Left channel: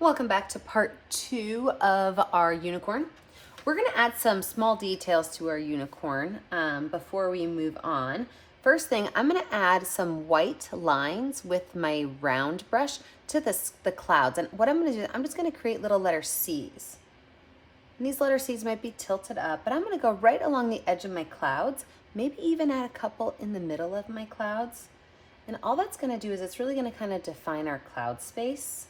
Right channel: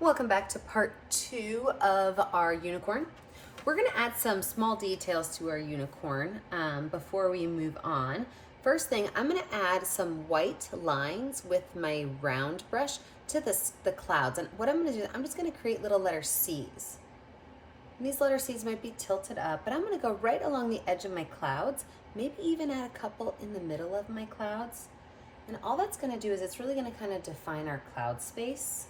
Welcome back to part 2 of our unicorn. We're going to add some small details to our unicorn before we move on. First thing, I'm going to add some white lines with my round brush to the clouds. And what I'm going to do, I'm just going to create little letter C's. And these letter C's might be tilted up, but I'm going to go right along the edge of my clouds, maybe even add a couple in the middle of my clouds. And all that's going to do is it's really going to kind of define our cloud space.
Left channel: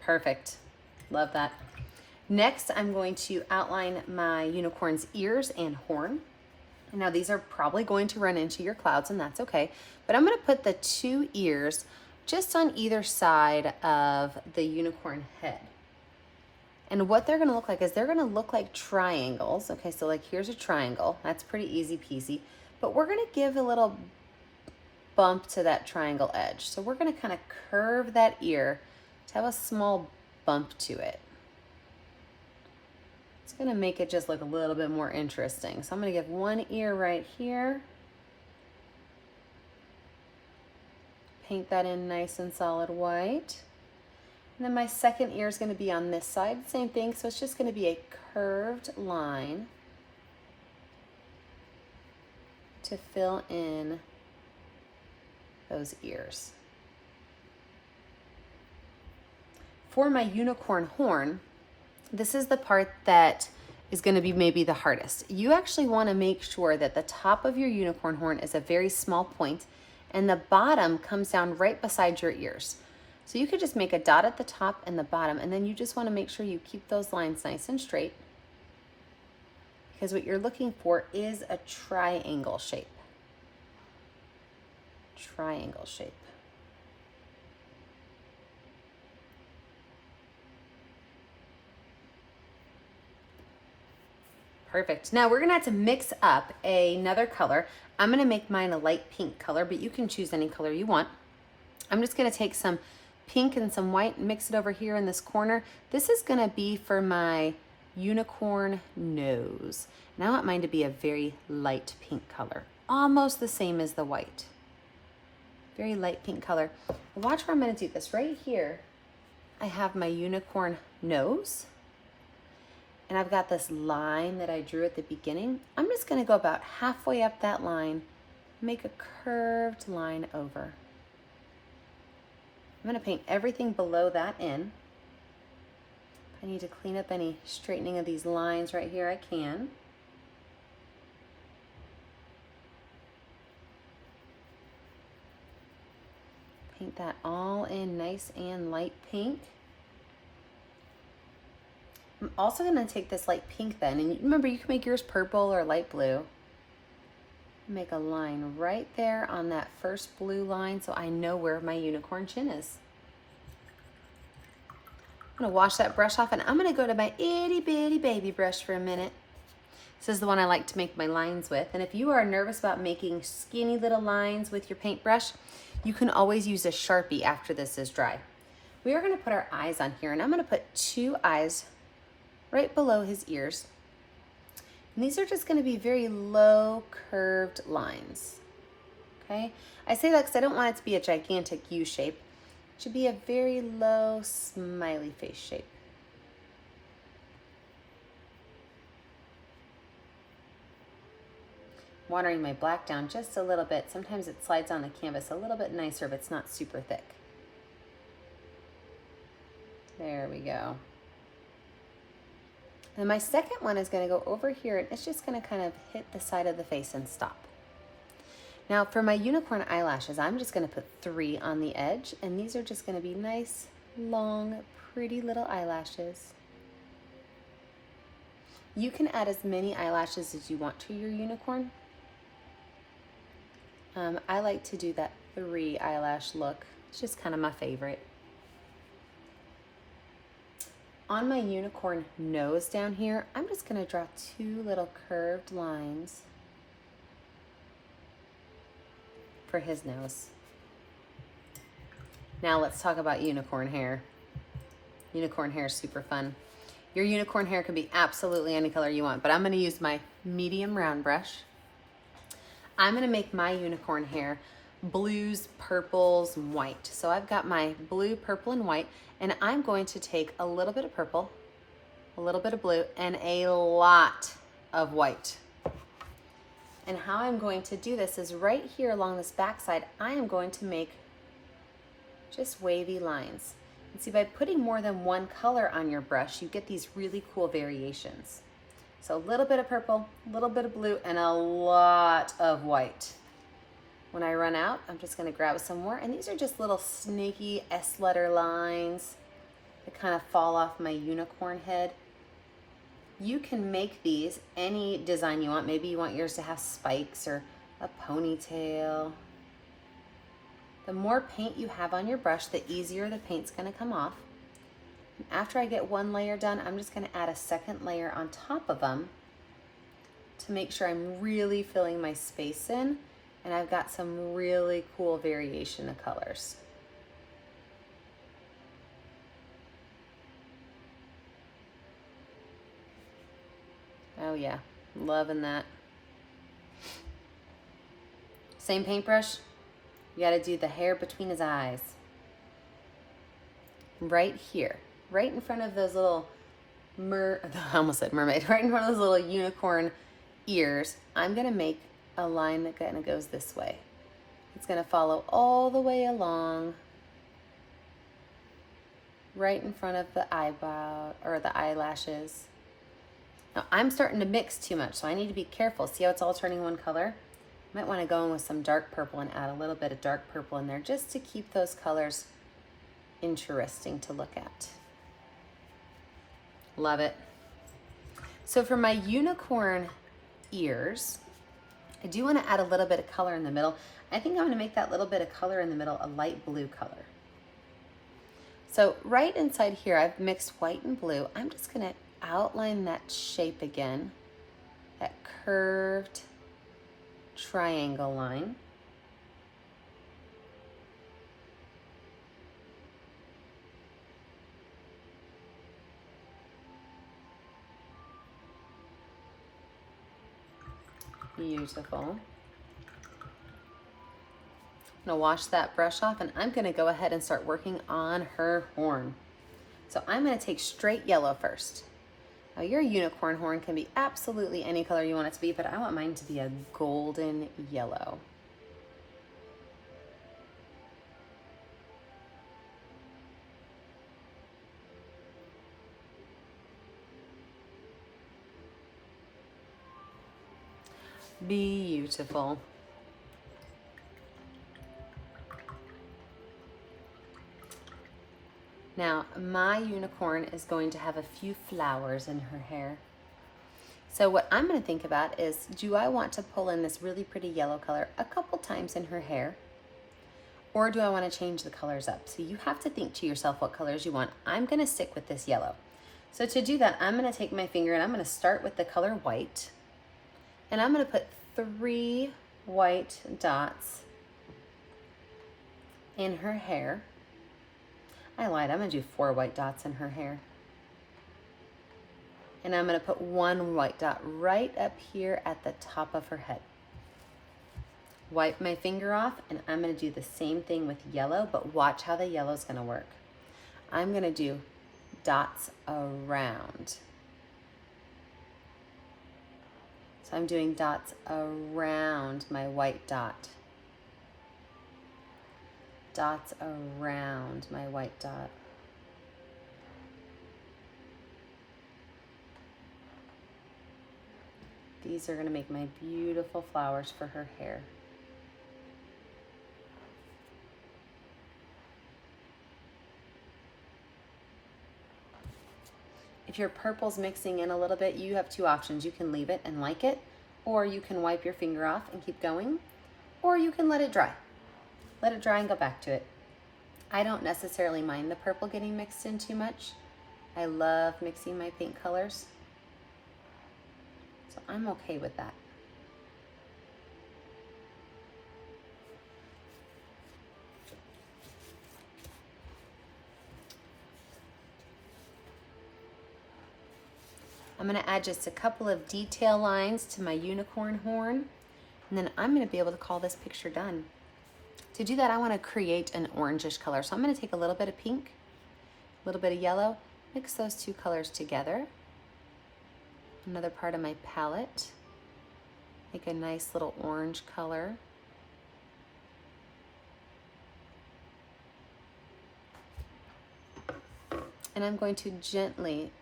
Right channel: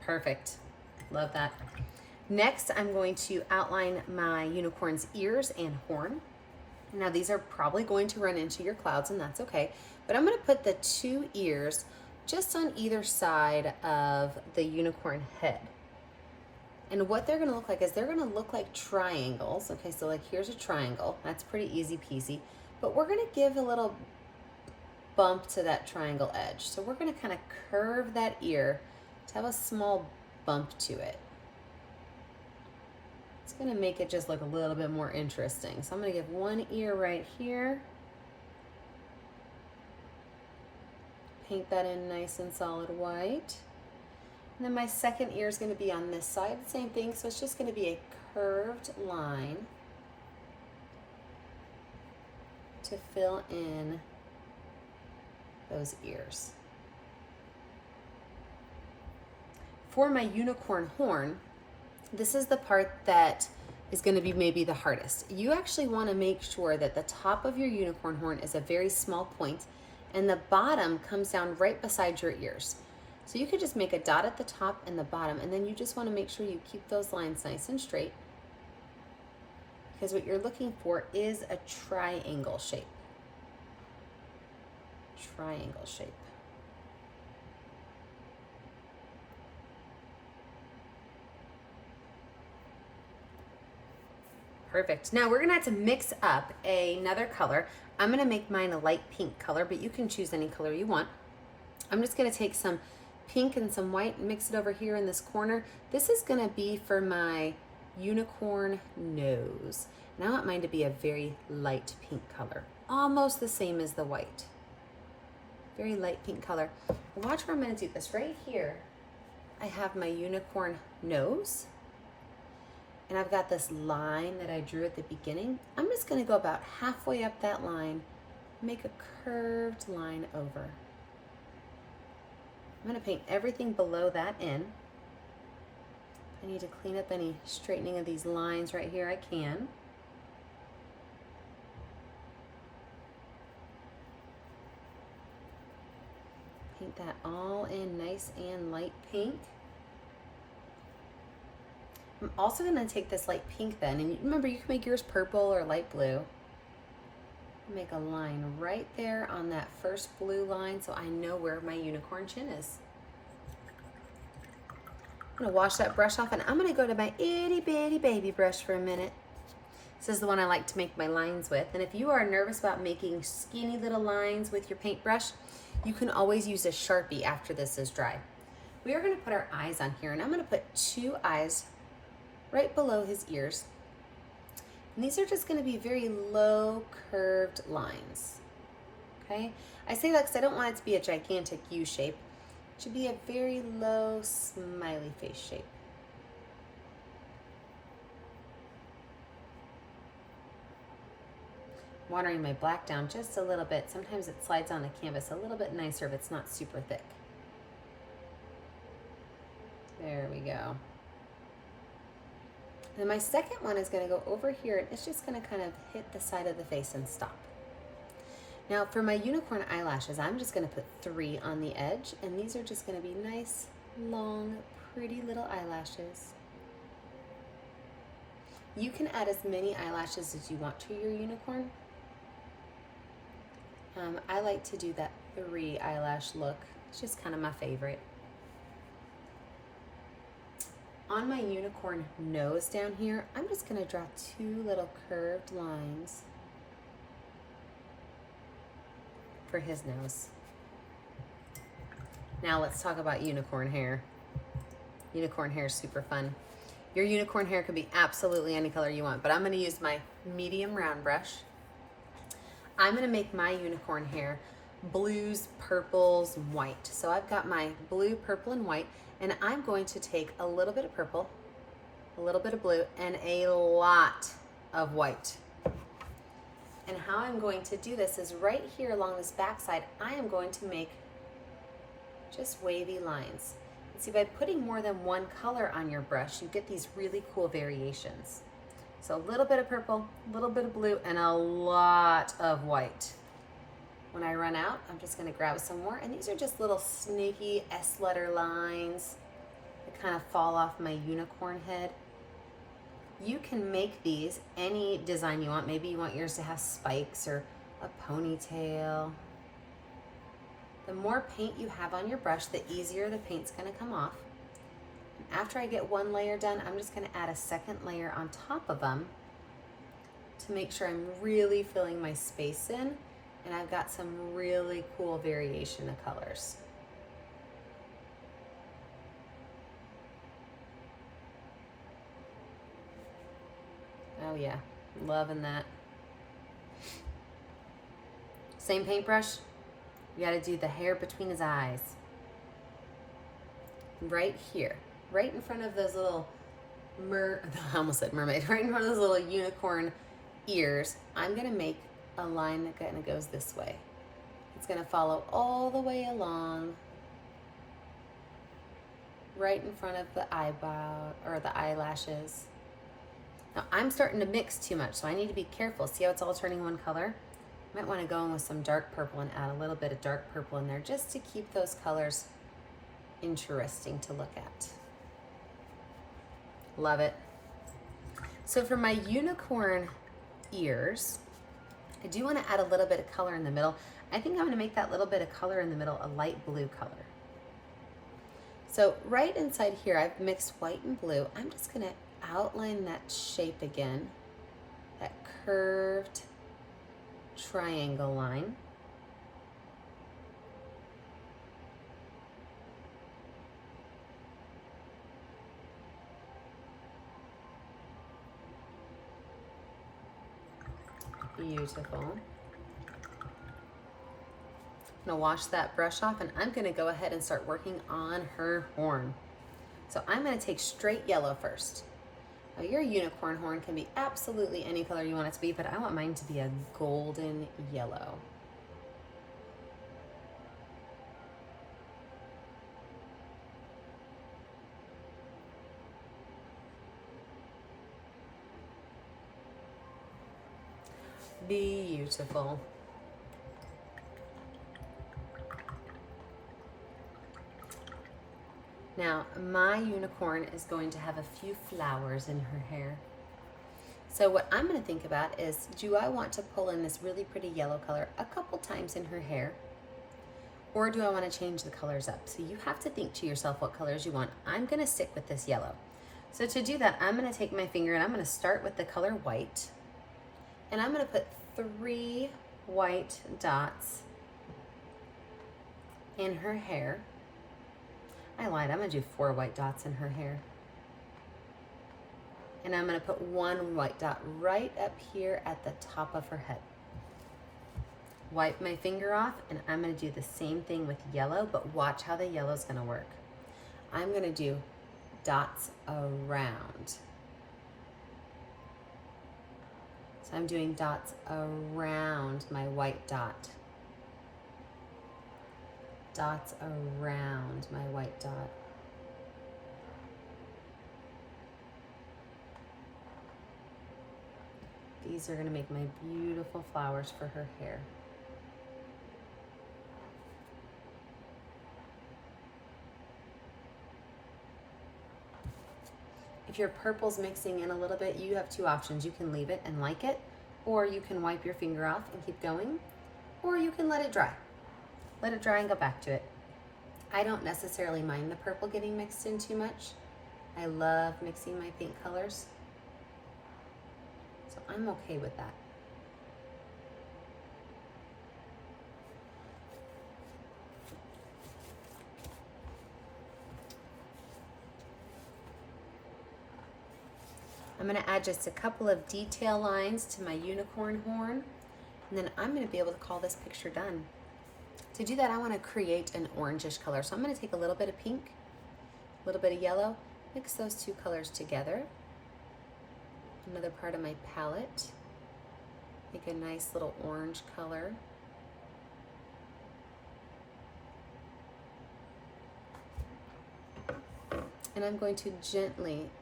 Perfect. Love that. Next, I'm going to outline my unicorn's ears and horn. Now, these are probably going to run into your clouds, and that's okay. But I'm going to put the 2 ears just on either side of the unicorn head. And what they're going to look like is they're going to look like triangles. Okay, so like here's a triangle. That's pretty easy peasy. But we're going to give a little bump to that triangle edge. So we're going to kind of curve that ear to have a small bump to it. It's going to make it just look a little bit more interesting. So I'm going to give one ear right here. Paint that in nice and solid white. And then my second ear is going to be on this side. Same thing, so it's just going to be a curved line to fill in those ears. For my unicorn horn, this is the part that is going to be maybe the hardest. You actually want to make sure that the top of your unicorn horn is a very small point and the bottom comes down right beside your ears. So you could just make a dot at the top and the bottom, and then you just want to make sure you keep those lines nice and straight, because what you're looking for is a triangle shape. Triangle shape. Perfect. Now we're gonna have to mix up another color. I'm gonna make mine a light pink color, but you can choose any color you want. I'm just gonna take some pink and some white and mix it over here in this corner. This is gonna be for my unicorn nose. And I want mine to be a very light pink color, almost the same as the white. Very light pink color. Watch where I'm gonna do this. Right here, I have my unicorn nose. And I've got this line that I drew at the beginning. I'm just going to go about halfway up that line, make a curved line over. I'm going to paint everything below that in. If I need to clean up any straightening of these lines right here, I can. Paint that all in nice and light pink. I'm also going to take this light pink then, and remember you can make yours purple or light blue. Make a line right there on that first blue line so I know where my unicorn chin is. I'm going to wash that brush off, and I'm going to go to my itty bitty baby brush for a minute. This is the one I like to make my lines with, and if you are nervous about making skinny little lines with your paintbrush, you can always use a Sharpie after this is dry. We are going to put our eyes on here, and I'm going to put 2 eyes right below his ears. And these are just going to be very low curved lines. Okay? I say that because I don't want it to be a gigantic U shape. It should be a very low smiley face shape. Watering my black down just a little bit. Sometimes it slides on the canvas a little bit nicer if it's not super thick. There we go. And my second one is going to go over here, and it's just going to kind of hit the side of the face and stop. Now for my unicorn eyelashes, I'm just going to put 3 on the edge, and these are just going to be nice, long, pretty little eyelashes. You can add as many eyelashes as you want to your unicorn. I like to do that 3 eyelash look. It's just kind of my favorite. On my unicorn nose down here, I'm just going to draw 2 little curved lines for his nose. Now let's talk about unicorn hair. Unicorn hair is super fun. Your unicorn hair can be absolutely any color you want, but I'm going to use my medium round brush. I'm gonna make my unicorn hair blues, purples, and white. So I've got my blue, purple, and white, and I'm going to take a little bit of purple, a little bit of blue, and a lot of white. And how I'm going to do this is right here along this backside, I am going to make just wavy lines. And see, by putting more than one color on your brush, you get these really cool variations. So a little bit of purple, a little bit of blue, and a lot of white. When I run out, I'm just gonna grab some more, and these are just little snaky S-letter lines that kind of fall off my unicorn head. You can make these any design you want. Maybe you want yours to have spikes or a ponytail. The more paint you have on your brush, the easier the paint's gonna come off. And after I get one layer done, I'm just gonna add a second layer on top of them to make sure I'm really filling my space in, and I've got some really cool variation of colors. Oh yeah, loving that. Same paintbrush, you gotta do the hair between his eyes. Right here, right in front of those little I almost said mermaid, right in front of those little unicorn ears, I'm gonna make a line that kind of goes this way. It's gonna follow all the way along, right in front of the eyebrow or the eyelashes. Now I'm starting to mix too much, so I need to be careful. See how it's all turning one color? Might want to go in with some dark purple and add a little bit of dark purple in there just to keep those colors interesting to look at. Love it. So for my unicorn ears, I do want to add a little bit of color in the middle. I think I'm going to make that little bit of color in the middle a light blue color. So right inside here, I've mixed white and blue. I'm just going to outline that shape again, that curved triangle line. Beautiful. I'm gonna wash that brush off, and I'm gonna go ahead and start working on her horn. So I'm gonna take straight yellow first. Now your unicorn horn can be absolutely any color you want it to be, but I want mine to be a golden yellow. Beautiful. Now, my unicorn is going to have a few flowers in her hair. So what I'm going to think about is, do I want to pull in this really pretty yellow color a couple times in her hair? Or do I want to change the colors up? So you have to think to yourself what colors you want. I'm going to stick with this yellow. So to do that, I'm going to take my finger and I'm going to start with the color white. And I'm going to put 3 white dots in her hair. I lied, I'm gonna do 4 white dots in her hair. And I'm gonna put 1 white dot right up here at the top of her head. Wipe my finger off, and I'm gonna do the same thing with yellow, but watch how the yellow's gonna work. I'm gonna do dots around. So I'm doing dots around my white dot. Dots around my white dot. These are going to make my beautiful flowers for her hair. If your purple's mixing in a little bit, you have 2 options. You can leave it and like it, or you can wipe your finger off and keep going, or you can let it dry. Let it dry and go back to it. I don't necessarily mind the purple getting mixed in too much. I love mixing my paint colors, so I'm okay with that. I'm going to add just a couple of detail lines to my unicorn horn. And then I'm going to be able to call this picture done. To do that, I want to create an orangish color. So I'm going to take a little bit of pink, a little bit of yellow, mix those two colors together. Another part of my palette. Make a nice little orange color. And I'm going to gently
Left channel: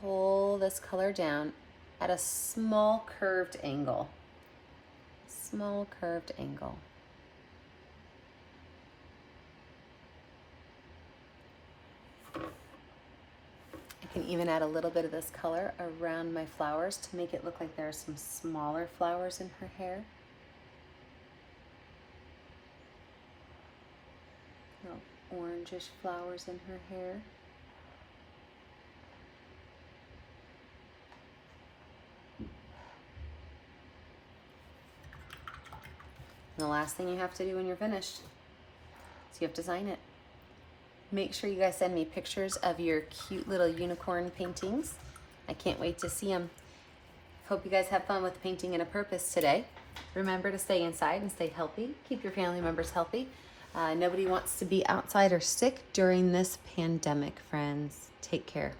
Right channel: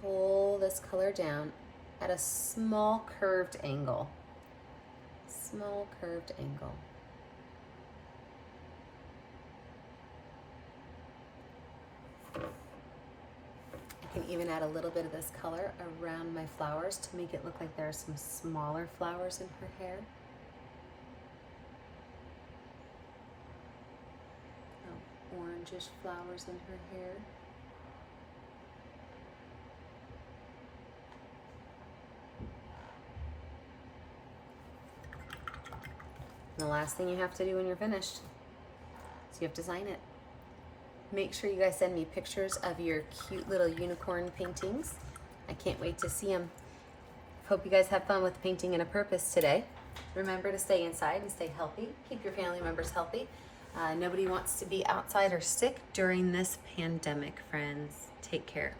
pull this color down at a small curved angle. Small curved angle. I can even add a little bit of this color around my flowers to make it look like there are some smaller flowers in her hair. Orangish flowers in her hair. And the last thing you have to do when you're finished is you have to sign it. Make sure you guys send me pictures of your cute little unicorn paintings. I can't wait to see them. Hope you guys have fun with painting in a purpose today. Remember to stay inside and stay healthy. Keep your family members healthy. Nobody wants to be outside or sick during this pandemic, friends. Take care.